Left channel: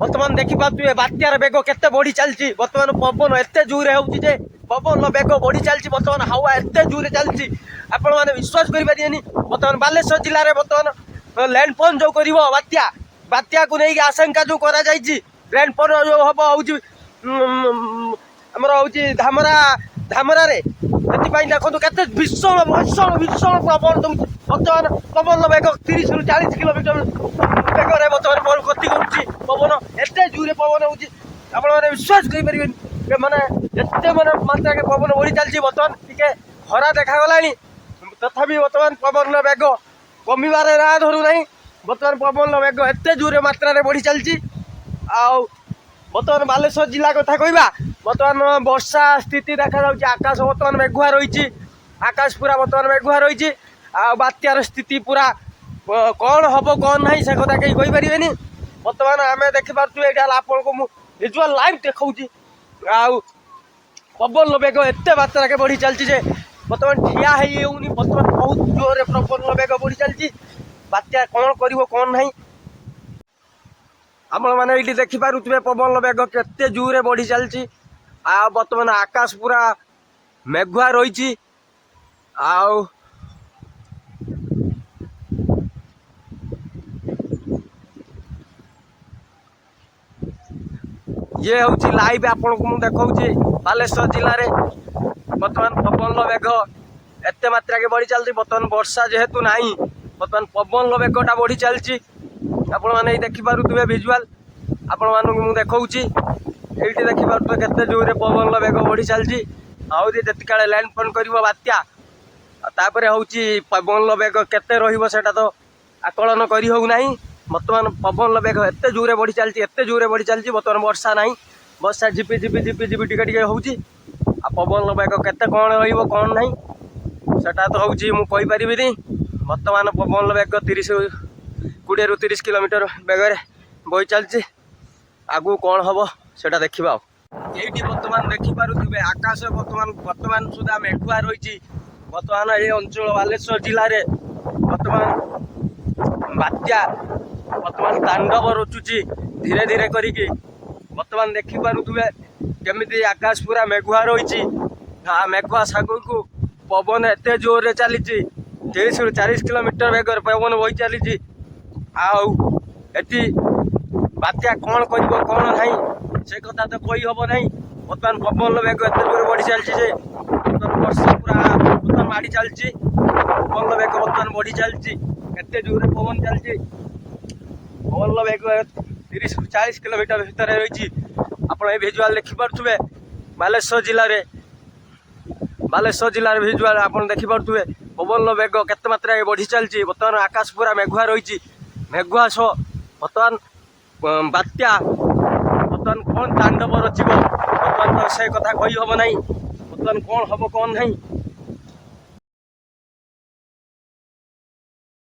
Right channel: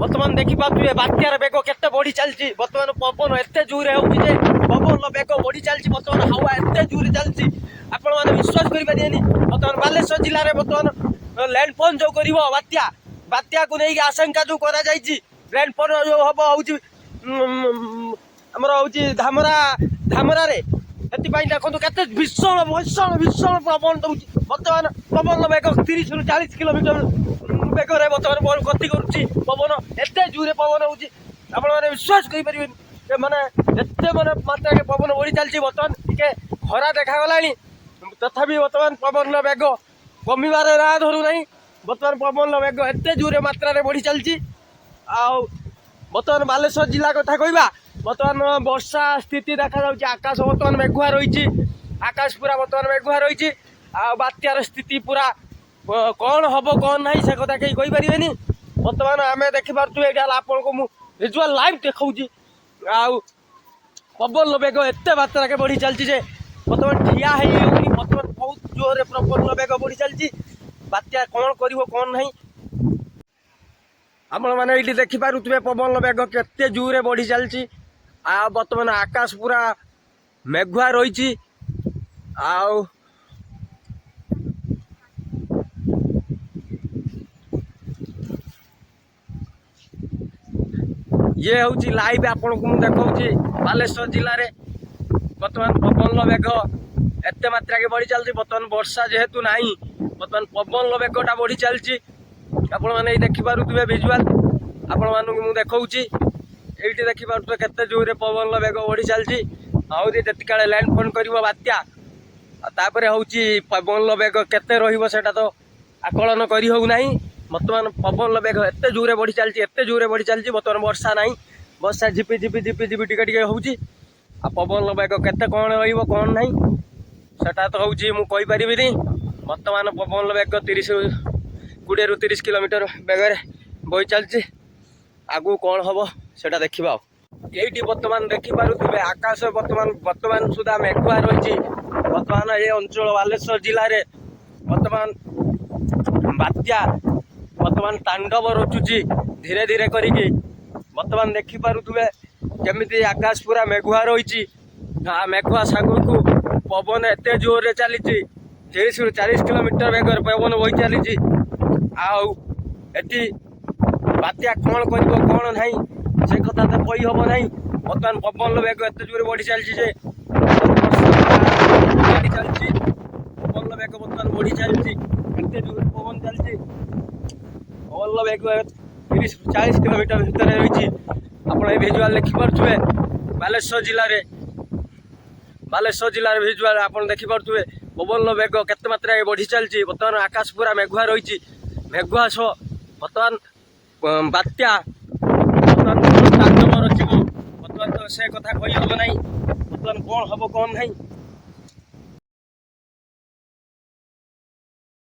बर्तमान देखिपे बात्यार बेग केते बढ़ी चलती बर्तमान पवन एत जोरे होचे पवन बेग बढ़ी चलती बर्तमान हावा एत जोरे चलती आपण मैंने विश्वास करें बर्तमान बालेश्वर जिले में बर्तमान लैंडफोन जो कर बात्या बात्या को लेकिन आशंका जो करा लैंडफोन जो हम आमर हूँ धामरा धामरा देखो के भीषण भीषण भीषण पवन दूसरी बर्तमान पवन बेग 30 ରୁ 40 किलोमीटर बेगर बर्तमान गति कर पवन एत जोरे पवन हो मैंने विश्वास करें माने एत माने मात्रा के पवन बढ़ी चलती बर्तमान टे खरा देखागला तथापि बर्तमान पवन बेग कमिबार ना धरू ना बर्तमान पवन बेग एत जोरे मात्रा बढ़ी चलती बर्तमान बालेश्वर जिला कथा कहवा बर्तमान वर्षा स्थिति देखा आकाश बर्तमान मेघुआ रही आकाश पूरा बर्तमान मेघुआ रही बात्यार स्थिति पूरा कौन हम कौन ना से कथा कहीं कहींपारे बर्तमान आम देखिपे ये आपको मुझे विजुआल लाइव देखा पवन बेग एत मात्रा के बढ़ी चलती बर्तमान ठिया होनी बर्तमान बहुत जोर पवन बेग बढ़ी चलती बात्या कौन कर ना आपण मैंने ये देखिपे पवन बेग केते जोरे बढ़ी चलती बर्तमान आकाश पूरा मेघुआ रही ये हूँ लाइव आपन को देखा बालेश्वर जिले में बर्तमान पवन बेग एत मात्रा के बढ़ी चलती बर्तमान वर्षा जेहेतु ना बर्तमान पवन बेगटा बढ़ी चलती आपण मैंने देखिपे विजुआल आपण मानक देखा ये देखिपे केते जोरे पवन बेग बढ़ी चलती आते लैंडफोन कर बात्या तापर हूँ पवन बेग केते रहा तो आकलन कर होना बर्तमान पवन बेग एत जोरे बढ़ी चलती एत जोरे बढ़ी चलती बर्तमान वर्षा ना वर्षा झिपि झिपि झिपि झिपि टिके होची पवन बेग केते कौन रही कौन ना सेटा तो हूँ मुझे बर्तमान पवन बेग 20 ରୁ 30 किलोमीटर बेगर बही चलती आगू कौन हम से देखा ये बर्तमान देखिपे आकाश बर्तमान सुधा मेघुआ रही बर्तमान ये अंचल बालेश्वर जिले में बर्तमान बात्या बर्तमान तांडव रचुची धीरे धीरे करिकी बर्तमान देखिपे केमी आकाश पूरा मेघुआ रही मेघुआ सागर को पवन एत जोर से चली 30 ରୁ 40 किलोमीटर बेगर पवन बही चली आती बात्या कौन कर कौन ना से कथा तो कही हम ना बर्तमान पवन बेग एत जोर बढ़ी चलती गाड़ी चलती पवन बेग बर्तमान बढ़ी चलती एत जोर पवन चलती पवन बेग 30 ରୁ 40 किलोमीटर भितर रही आप भिजुआल देखिपे बालेश्वर जिले में भिजुआल आप देखिपे पवन बेग केते मात्रा बढ़ी चलती बर्तमान आकाश पूरा मेघुआ रही मेघुआ सह बर्तमान बात्या बर्तमान कौन तांडव रचिब बर्तमान तो से कथा कही हम ना बर्तमान कौन हम कौन ना